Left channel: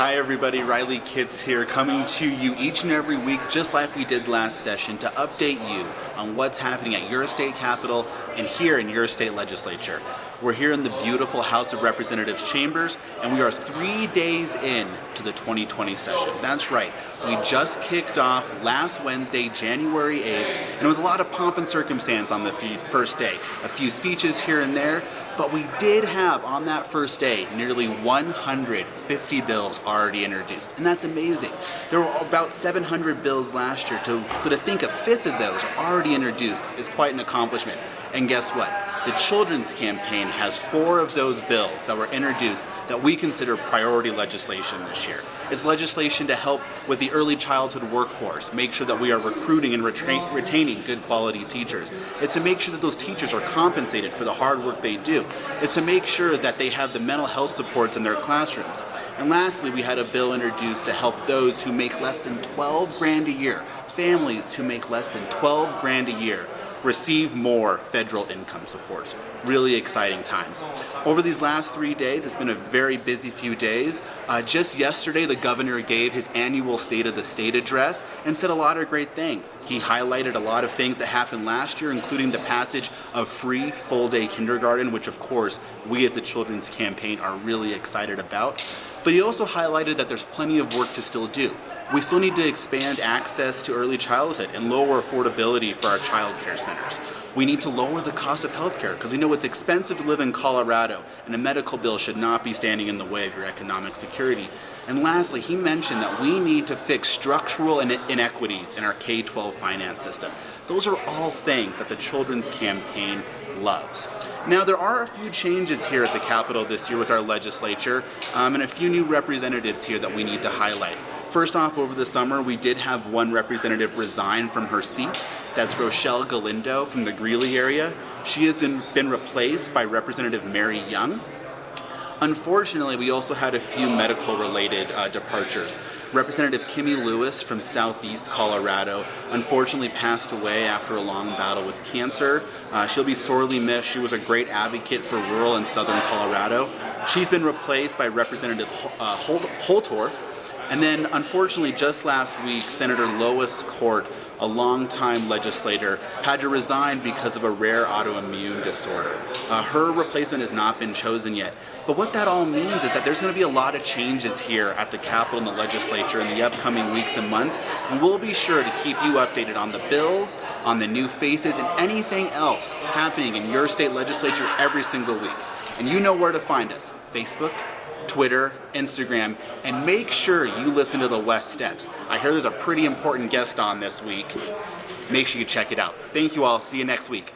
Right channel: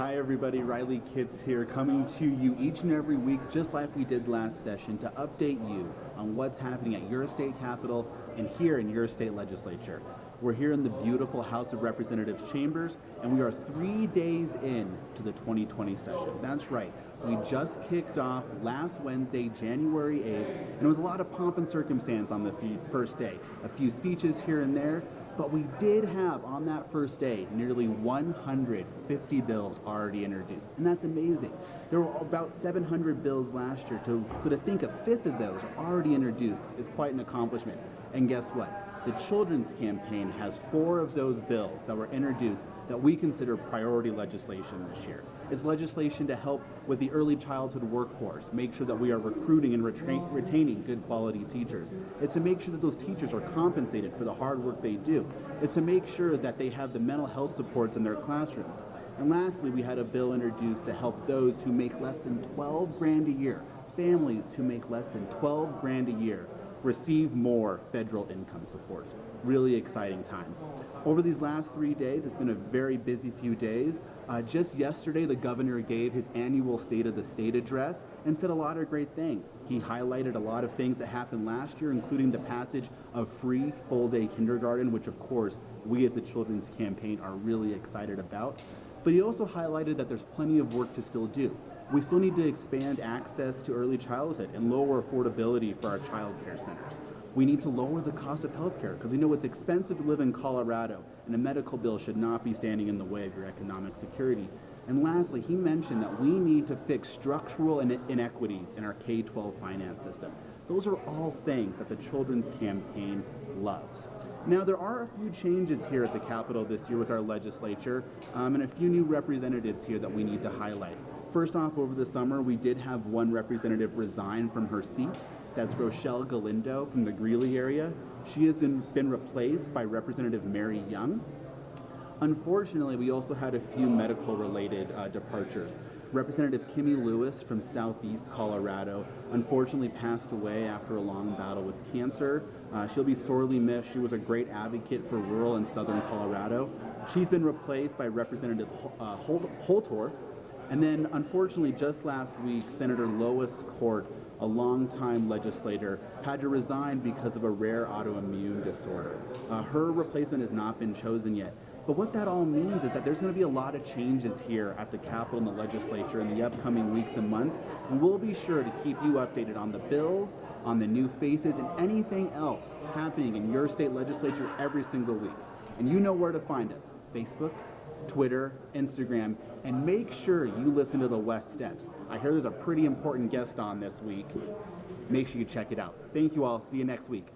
Hi everybody, Riley Kitts here, coming to you each and every week, just like we did last session, to update you on what's happening at your state capitol and here in your state legislature. We're here in the beautiful House of Representatives chambers, and we are 3 days in to the 2020 session. That's right, we just kicked off last Wednesday, January 8th, and it was a lot of pomp and circumstance on the first day. A few speeches here and there, but we did have on that first day nearly 150 bills already introduced, and that's amazing. There were about 700 bills last year, so to think a fifth of those are already introduced is quite an accomplishment. And guess what? The Children's Campaign has 4 of those bills that were introduced that we consider priority legislation this year. It's legislation to help with the early childhood workforce, make sure that we are recruiting and retaining good quality teachers. It's to make sure that those teachers are compensated for the hard work they do. It's to make sure that they have the mental health supports in their classrooms. And lastly, we had a bill introduced to help those who make less than 12 grand a year, families who make less than 12 grand a year, receive more federal income supports. Really exciting times. Over these last 3 days, it's been a very busy few days. Just yesterday, the governor gave his annual State of the State address and said a lot of great things. He highlighted a lot of things that happened last year, including the passage of free full-day kindergarten, which of course we at the Children's Campaign are really excited about. But he also highlighted that there's plenty of work to still do. We still need to expand access to early childhood and lower affordability for our child care centers. We need to lower the cost of healthcare because we know it's expensive to live in Colorado, and a medical bill should not be standing in the way of your economic security. And lastly, he mentioned that we need to fix structural inequities in our K-12 finance system. Those are all things that the Children's Campaign loves. Now, there are a few changes here at the Capitol this year with our legislature, and a few new representatives here that we need to highlight. First off, over the summer, we did have one representative resign from her seat. That's Rochelle Galindo from the Greeley area. She has been replaced by Representative Mary Young. Unfortunately, we also had a few medical-related departures. Representative Kimmy Lewis from Southeast Colorado unfortunately passed away after a long battle with cancer. She'll be sorely missed. She was a great advocate for rural and southern Colorado. She's been replaced by Representative Holtorf. And then, unfortunately, just last week, Senator Lois Court, a longtime legislator, had to resign because of a rare autoimmune disorder. Her replacement has not been chosen yet. But what that all means is that there's going to be a lot of changes here at the Capitol and the legislature in the upcoming weeks and months, and we'll be sure to keep you updated on the bills, on the new faces, and anything else happening in your state legislature every single week. And you know where to find us: Facebook, Twitter, Instagram, and make sure you listen to the West Steps. I hear there's a pretty important guest on this week. Make sure you check it out. Thank you all. See you next week.